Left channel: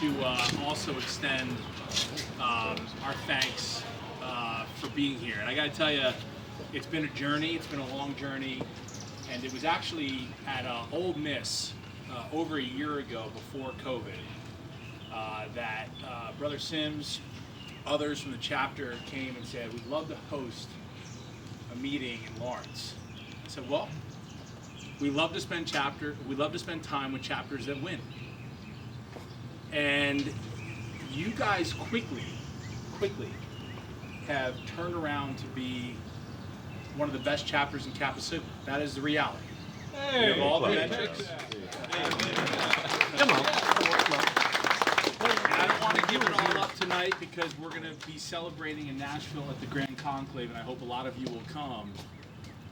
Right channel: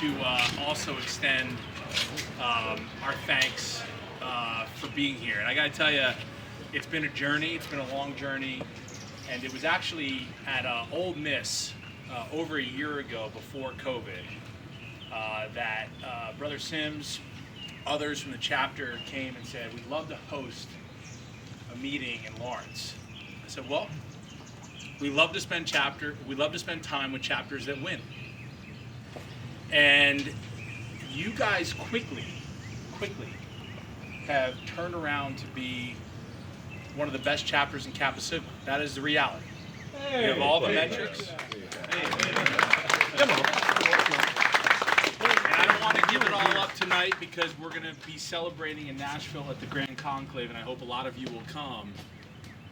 To also extend our thanks for being here. And I gotta tell you, it's been a journey, it's been a long journey, and it was actually at Ole Miss over a year ago before COVID that Brother Sims, others from the chapter came and said, we'd love to host a meeting in Lawrence. I said, well, we love to spend time with chapters that win. And you guys quickly have turned around to be one of the best chapters in Kappa Sigma. That is the reality. We have all the metrics. Come on. And I don't want to give it all up tonight because we're going to be celebrating in Nashville at the Grand Conclave, and I hope a lot of you will come.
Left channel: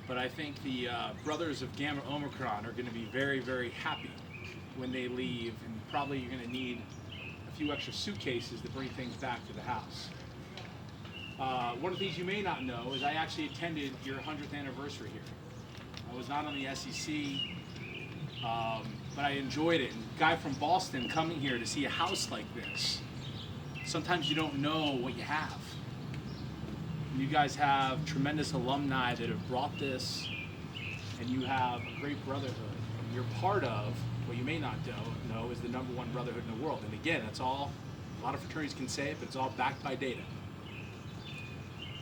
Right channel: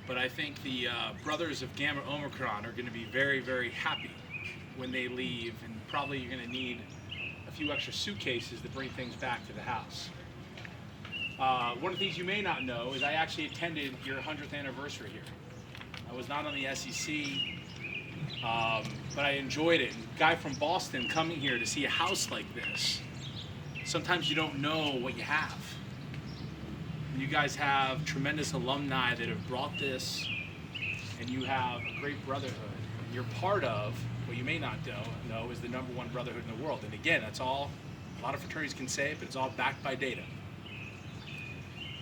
But I think the brothers of Gamma-Omicron are going to be very, very happy when they leave, and probably you're going to need a few extra suitcases to bring things back to the house. One of the things you may not know is I actually attended your 100th anniversary here. I was not on the SEC, but I enjoyed it. And a guy from Boston coming here to see a house like this, sometimes you don't know what you have. And you guys have tremendous alumni that have brought this, and you have a great brotherhood. And you're part of what you may not know is the #1 brotherhood in the world. And again, that's all a lot of fraternities can say, but it's all backed by data.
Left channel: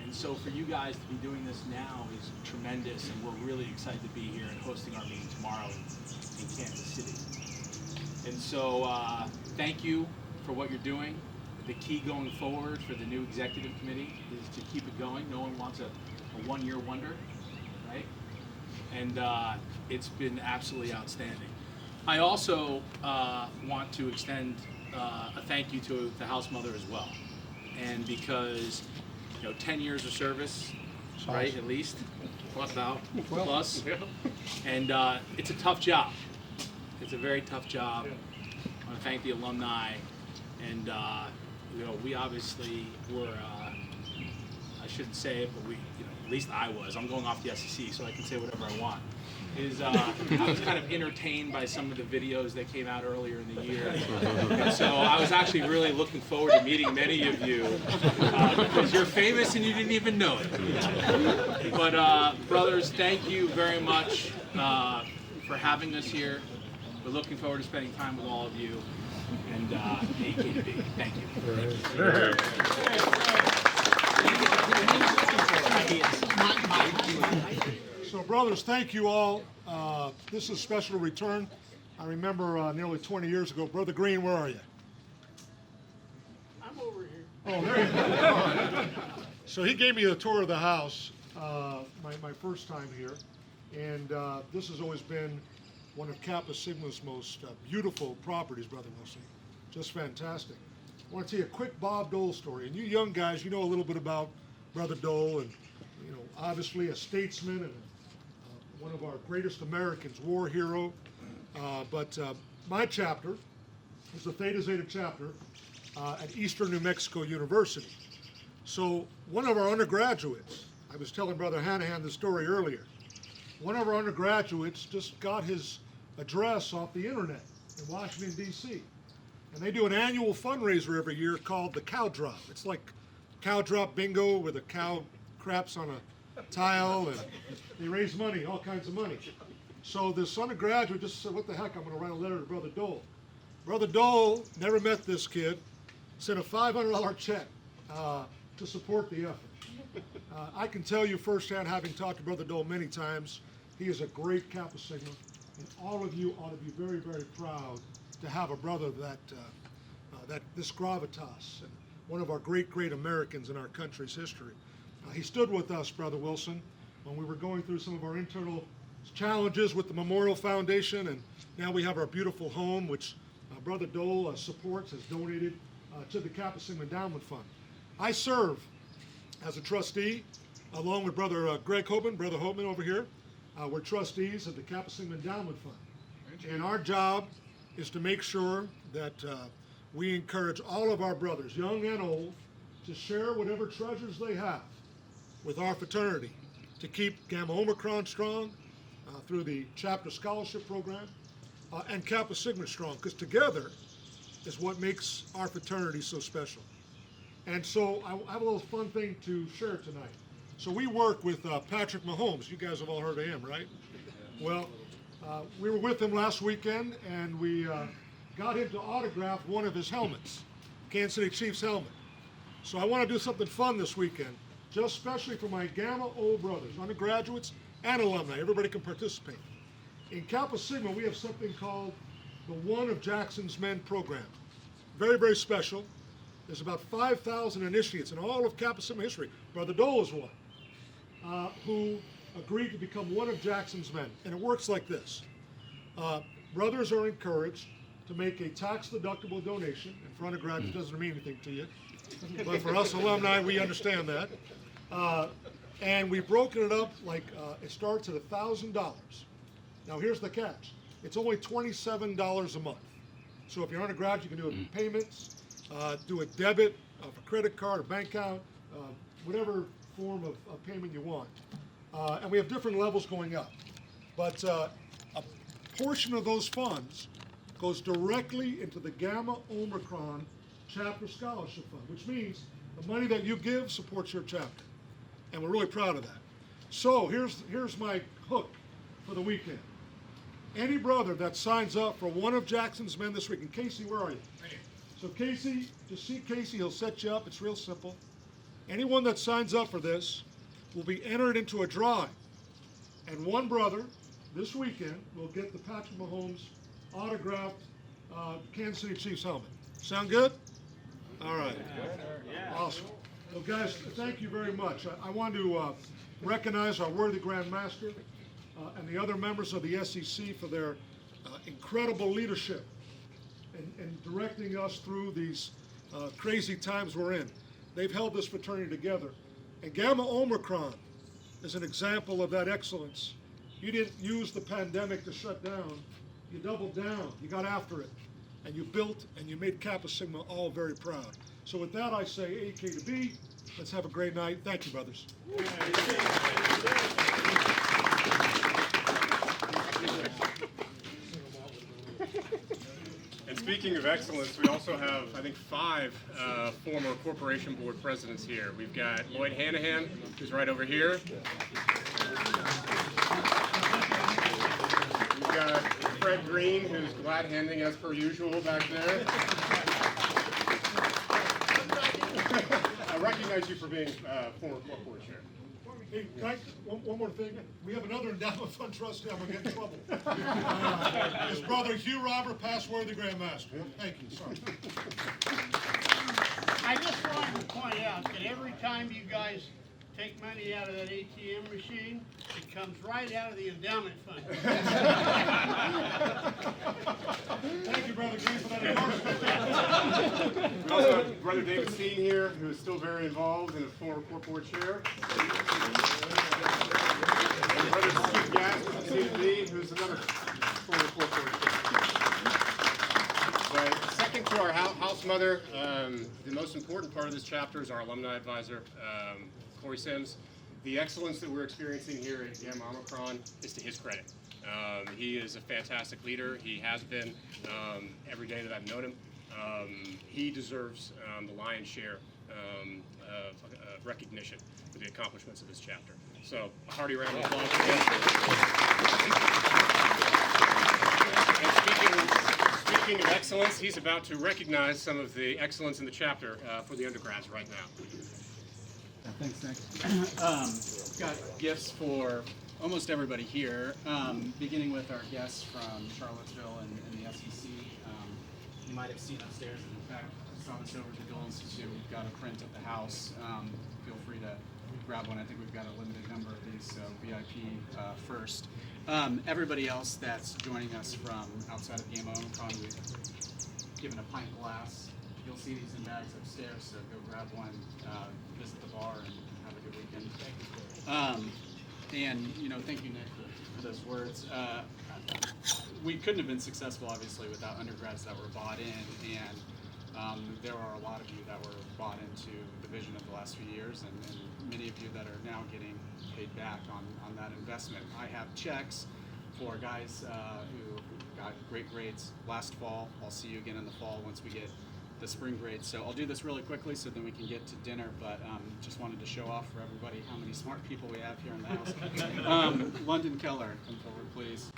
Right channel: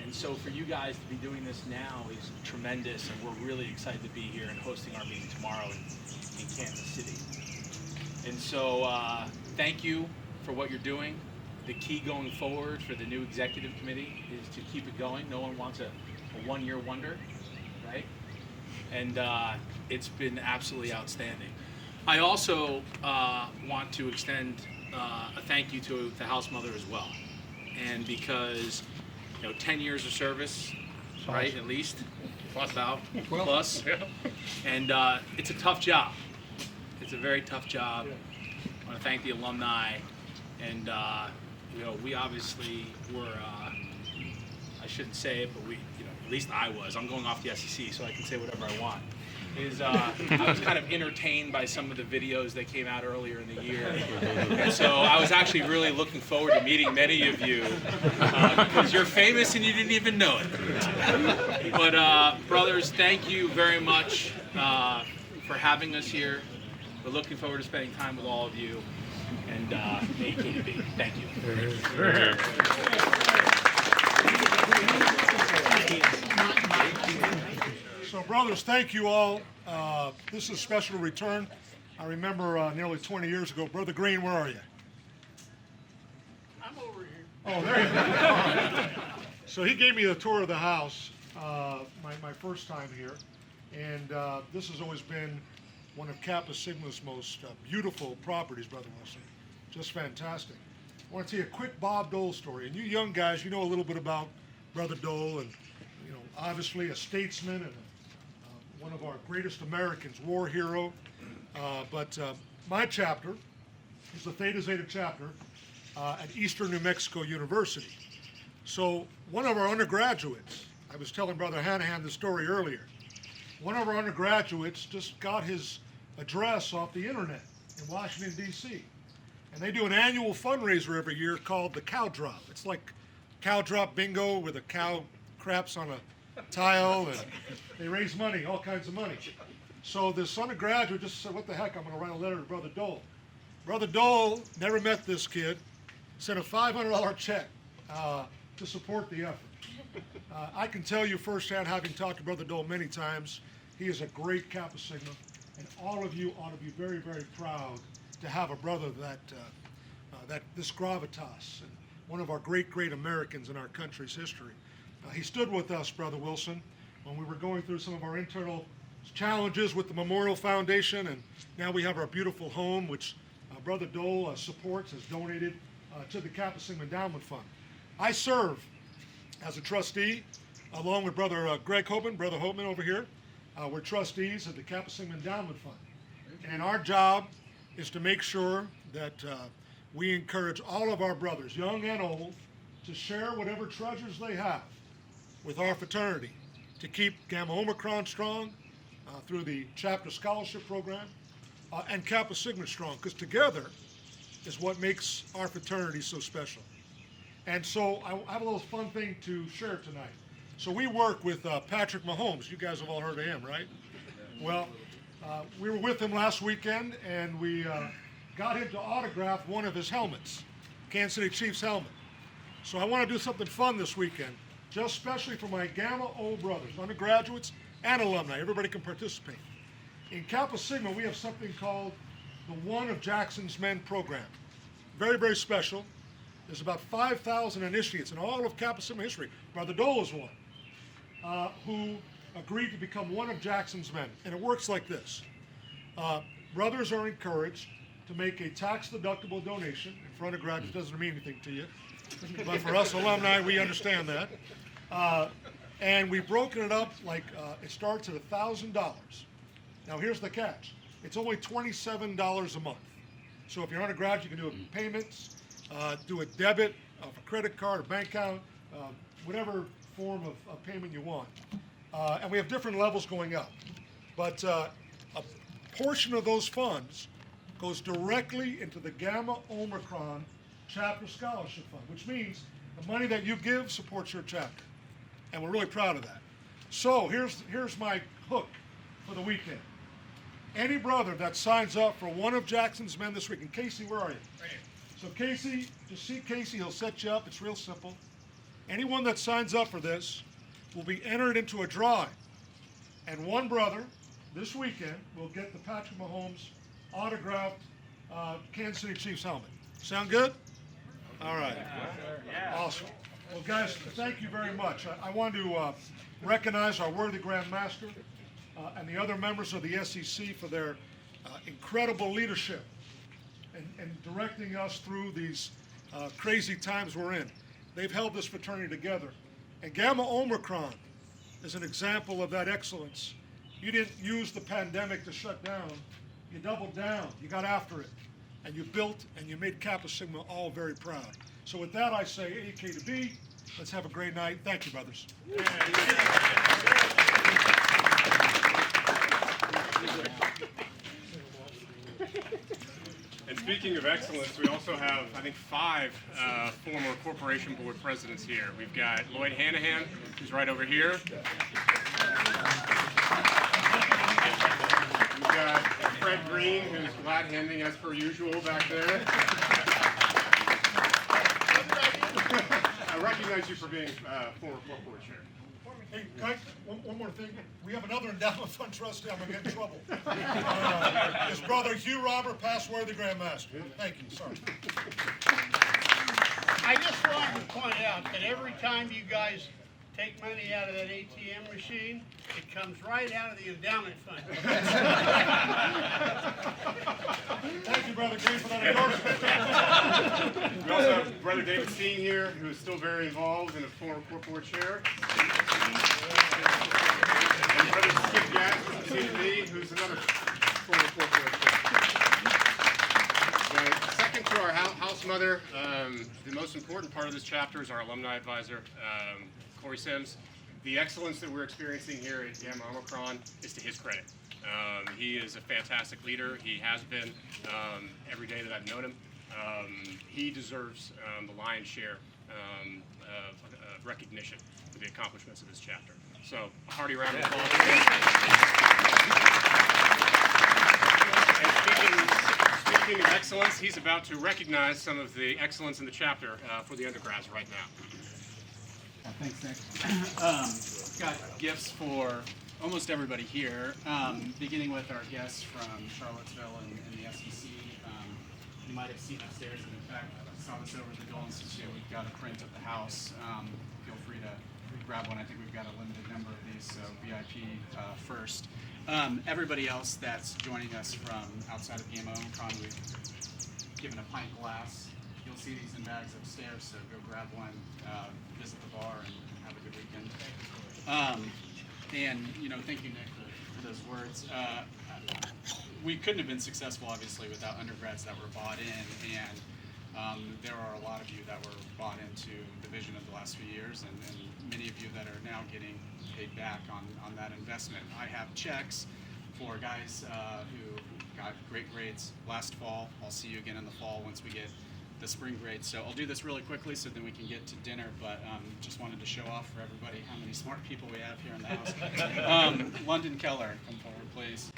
And so for you guys to be doing this now is tremendous, and we're really excited to be here and hosting our meeting tomorrow in Kansas City. And so thank you for what you're doing. The key going forward for the new executive committee is to keep it going. No one wants a one-year wonder, right? And it's been absolutely outstanding. I also want to extend a thank you to the house mother as well. And because, 10 years of service, right, at least, plus. And it's a tough job. It's a very tough job. I want to thank the alumni. And, we obviously were, I shouldn't say it, but we, at least I was. I'm going off the SEC, so I can say whatever I want. I was kind of entertained by some of the videos that came out earlier in the year. And so I was actually really looking forward to meeting many of you because you're famous and you didn't even know it. But brothers, thank you very much for having us here. We're looking forward to spending time with all of you. And may you be. Thank you. So, brothers, thank you all. This is a special return. I remember nearly 20 years ago. Brother Green, where are you? I'm over here. Oh, there you go. All right. So he gave me a tour of the house, my first time here. And this has always been one of Kappa Sigma's most beautiful properties, Brother Wilson. Just fantastic. I want to tell you a quick Bob Dole story. And you young guys, you know a little bit about Brother Dole, and obviously a statesman and one of our greatest Americans, war hero. But my chapter is the Theta Zeta chapter at Eastern New Mexico University. So one of our undergraduates, I was telling Brother Hanahan the story earlier, one of our undergraduates just got his address off the internet in Washington, D.C. And they do an annual fundraiser every year called the Cow Drop. It's like cow drop bingo where the cow craps on a tile and they raise money, all kinds of money. So this undergraduate just said, what the heck, I'm going to write a letter to Brother Dole. Brother Dole never met this kid, sent a $500 check to support the effort. I can tell you firsthand, having talked to Brother Dole many times, he is a great Kappa Sigma, and all of you ought to be very, very proud to have a brother that this gravitas, and one of our great, great Americans in our country's history. He stood with us, Brother Wilson, when we were going through some of our internal challenges with the Memorial Foundation, and now we have our beautiful home, which Brother Dole supports, has donated to the Kappa Sigma Endowment Fund. I serve as a trustee, along with Brother Greg Hoban, Brother Hoban over here. We're trustees of the Kappa Sigma Endowment Fund. And our job is to make sure that we encourage all of our brothers, young and old, to share whatever treasures they have with our fraternity to keep Gamma-Omicron strong through the chapter scholarship program and Kappa Sigma strong, because together is what makes our fraternity so special. And so I have a little fun thing to share tonight. So we work with Patrick Mahomes. You guys have all heard of him, right? Well, we were with him last weekend, and we got him to autograph one of his helmets, Kansas City Chiefs helmet. So I want to do something fun this weekend, just especially for my Gamma O brothers, undergraduates and alumni. Everybody can participate. In Kappa Sigma, we have something called the One of Jackson's Men program. Very, very special. There's about 5,000 initiates in all of Kappa Sigma history. Brother Dole is one, who agreed to become one of Jackson's men. And it works like this. Brothers are encouraged to make a tax-deductible donation. And for undergraduates, it doesn't mean anything to you. But for us alumni, we understand that. And we've broken it up like it starts at $1,000. Now here's the catch. It's only $27 a month. So if you're undergraduate, you can do it in payments, do a debit of a credit card, a bank account, whatever form of payment you want. And we have different levels going up. But a portion of those funds goes directly into the Gamma-Omicron Chapter Scholarship Fund, which means the money that you give supports your chapter. And we're really proud of that. So here's my hook for the weekend. Any brother that signs up for one of Jackson's men this week, and Casey, where are you? Right here. So Casey, just see Casey, he'll set you up. It's real simple. Anyone that signs up for this will be entered into a drawing. And one brother this weekend will get the Patrick Mahomes autographed Kansas City Chiefs helmet. Sound good? All right. Awesome. Well, guys, thank you very much. I want to recognize our worthy Grand Master and the other members of the SEC for their incredible leadership and directing us through these crazy times we're in. They've held this fraternity together. And Gamma-Omicron is an example of that excellence. You didn't use the pandemic to shut down. You doubled down. You got after it. And you built and you made Kappa Sigma all very proud. So with that, I say AK to B. Let's have a great night. Thank you, brothers. And speaking of excellence, we also have, I think, 5 former corporation board presidents here. We've got Lloyd Hanahan, who's right over here. We've got Fred Green, who's glad-handing as per usual back there. I recognize you for being former club board chair. Hey, one more thing. We have another endowment fund trustee. I'm gonna get in trouble. His brother Hugh Robert, past worthy Grand Master. Thank you, sir. I just wanted to point out that every time you guys take money out of that ATM machine, it comes right out of the endowment fund. Thank you, Brother Green, for that endorsement. We also have Brother David Steen here, who is still very involved and a former court board chair. And Brother Skip Gatt, seated me, who's another former court board chair. Right. Second to our house mother, the most important part of this chapter is our alumni advisor, Corey Sims. The excellence that we're experiencing here at Gamma-Omicron is to his credit. He is a fantastic leader. He has been every day that I've known him. He deserves the lion's share of recognition for the accomplishments of this chapter. So a hearty round of applause for him. And speaking of excellence, he's about to recognize some of the excellence in the chapter for the undergrads right now. Thanks, Nick. Got gifts for almost everybody here, beginning with our guests from Charlottesville and the SEC. You might have seen upstairs, and in fact, saw this over at the Dole Institute. We've got a print of the house. Feel free to grab one. I think we've got a limited number of these, so VIP first. Everybody else that's joining us from outside of Gamma-Omicron, we've given a pint glass. You'll see these in bags upstairs, so go grab one, visit the bar, and have a good weekend. And thank you, Nick, for those words. We couldn't have been successful, obviously, without undergrads that were bought in, and there are a lot of you that were bought into the vision of the last few years, and many of you that are now getting paid back on that investment. I have checks for guys who got great grades last fall. I'll see you again in the fall once we get the spring grades. So I'll do this really quickly so then we can get to dinner, but just wanted to show off for everybody how many smart people we have here in the house. London Keller, come forward, please.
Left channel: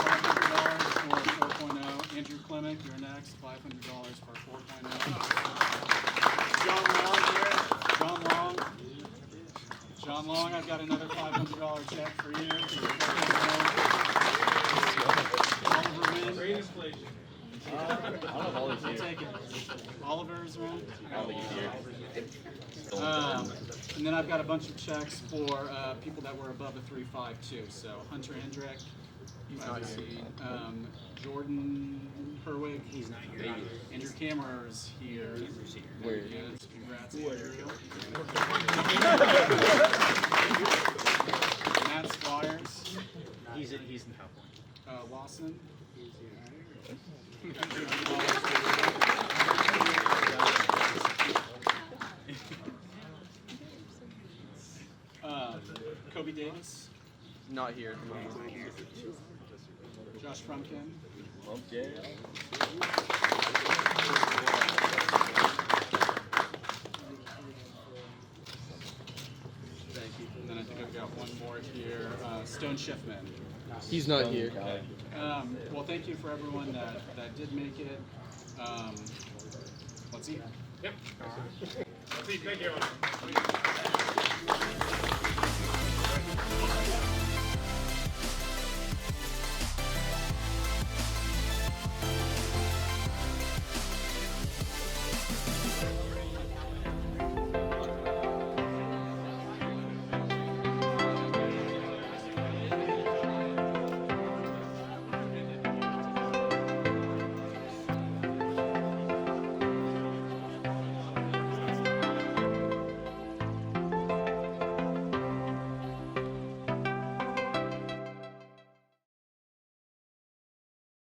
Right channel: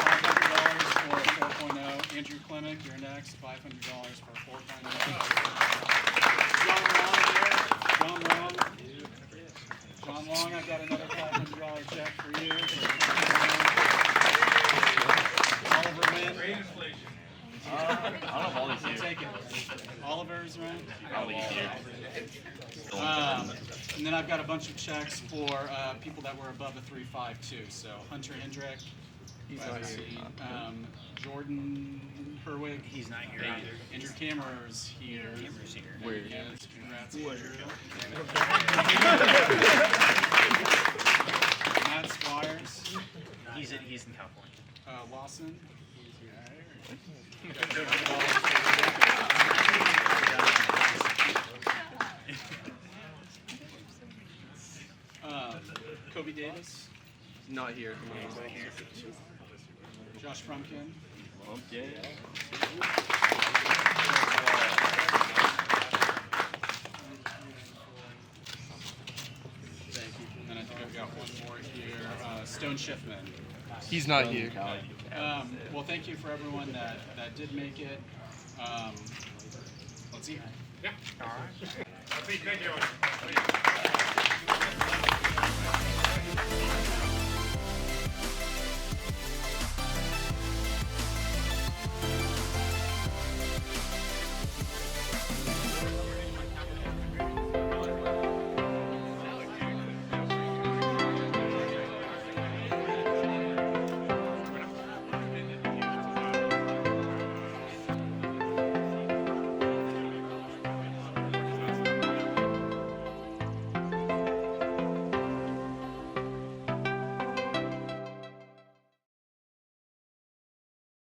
$500 for 4.0. Andrew Clemick, you're next. $500 for 4.0. John Long here. John Long, I've got another $500 check for you. Oliver Wynn. I'll take it. Oliver's right. And then I've got a bunch of checks for people that were above a 3.52. So Hunter Hendrick, he's not here. Jordan Herwig, he's not here. Andrew Kammerer's here. There he is. Congrats, Andrew. Matt Squires. He's in California. Lawson. Kobe Davis. Not here. Josh Frumkin. Okay. Thank you. And then I think I've got one more here. Stone Schiffman. He's not here. Well, thank you for everyone that did make it. Let's eat. Yeah. Thank you.